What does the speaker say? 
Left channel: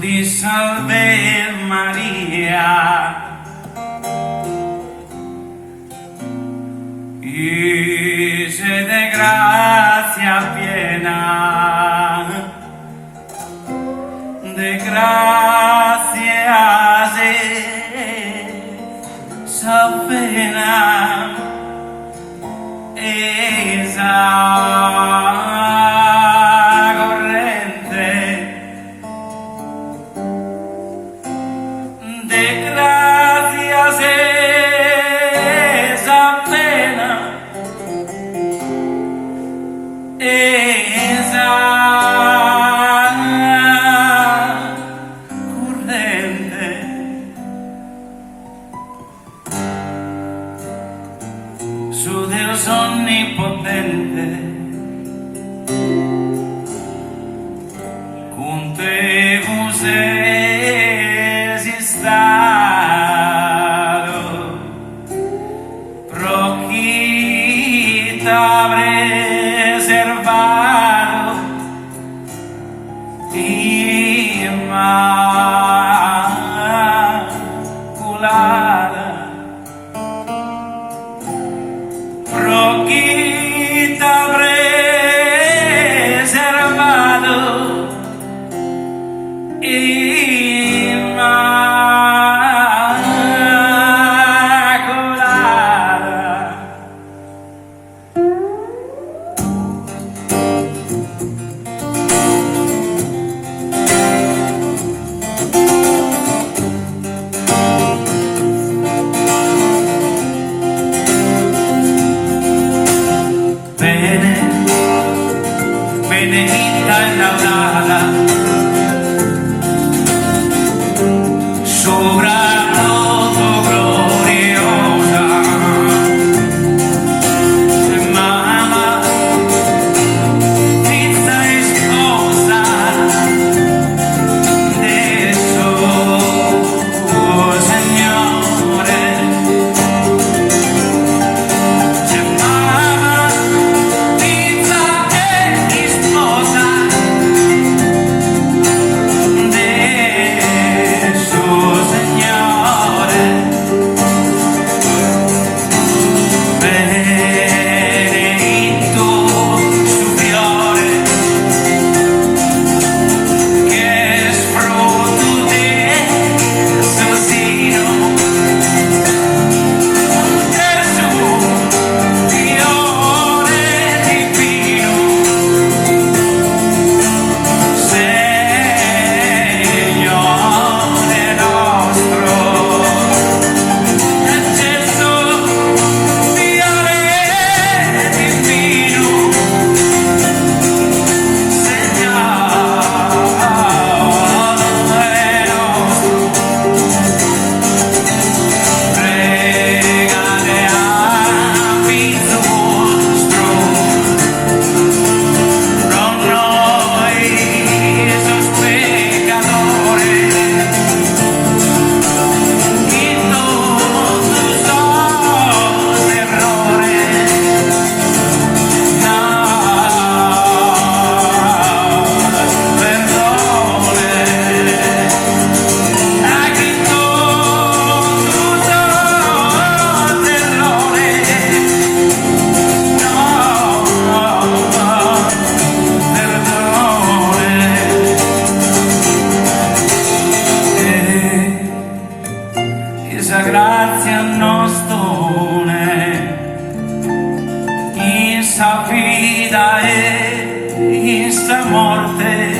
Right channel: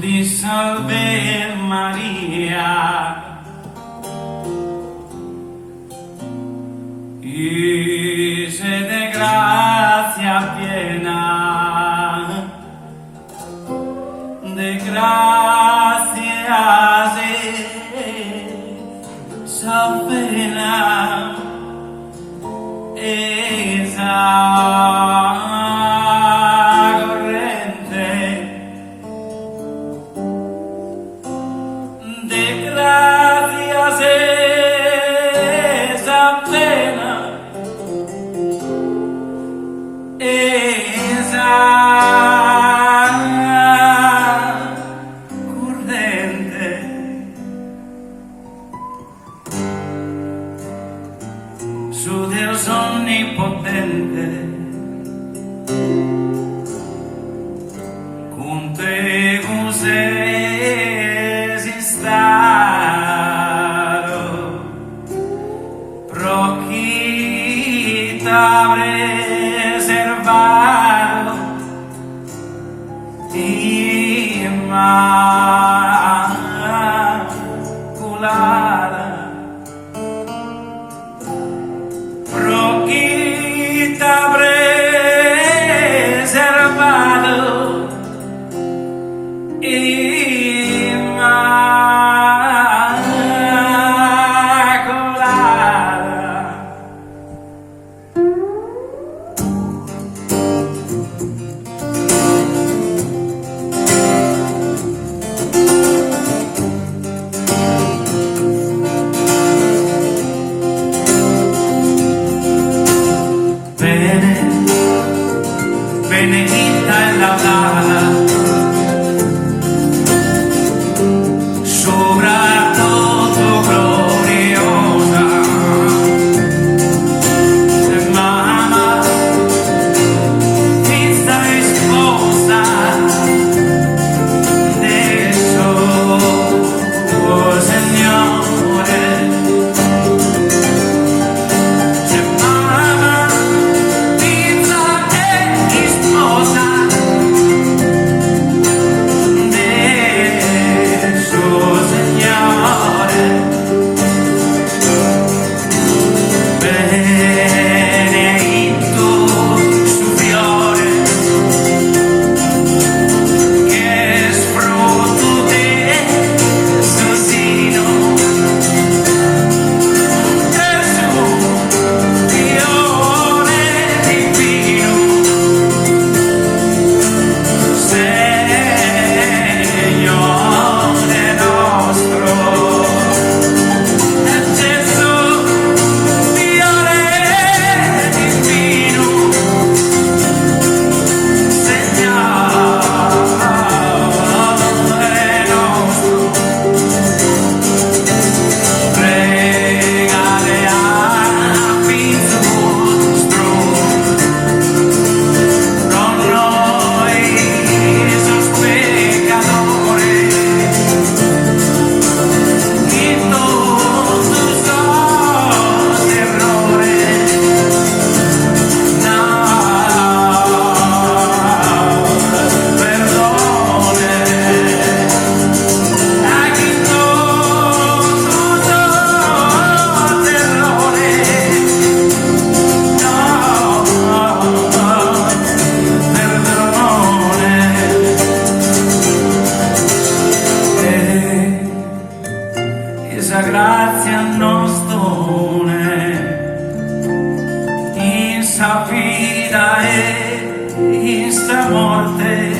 di salve Maria, y se de gracia piena, de gracia esa pena, esa corriente, de gracias esa pena, esa corriente, su Dios omnipotente, con te vos es estado, proquita reservado, inmaculada, proquita reservado, inmaculada. Bene, benedicta e laudata, sopra todo gloriosa, mamma, vista e sposa de suo Signore, mamma, vista e sposa de suo Signore, benedetto su fiore che es fruto de su seno, Gesù, fiore divino, Signore nostro, Gesù, fiore divino, Signore nostro, pregate affinché nostro, con noi sos pecadores, y todos los errores, perdone, aquí todos los perdone, esa gracia nos done, esa vida e esta morte,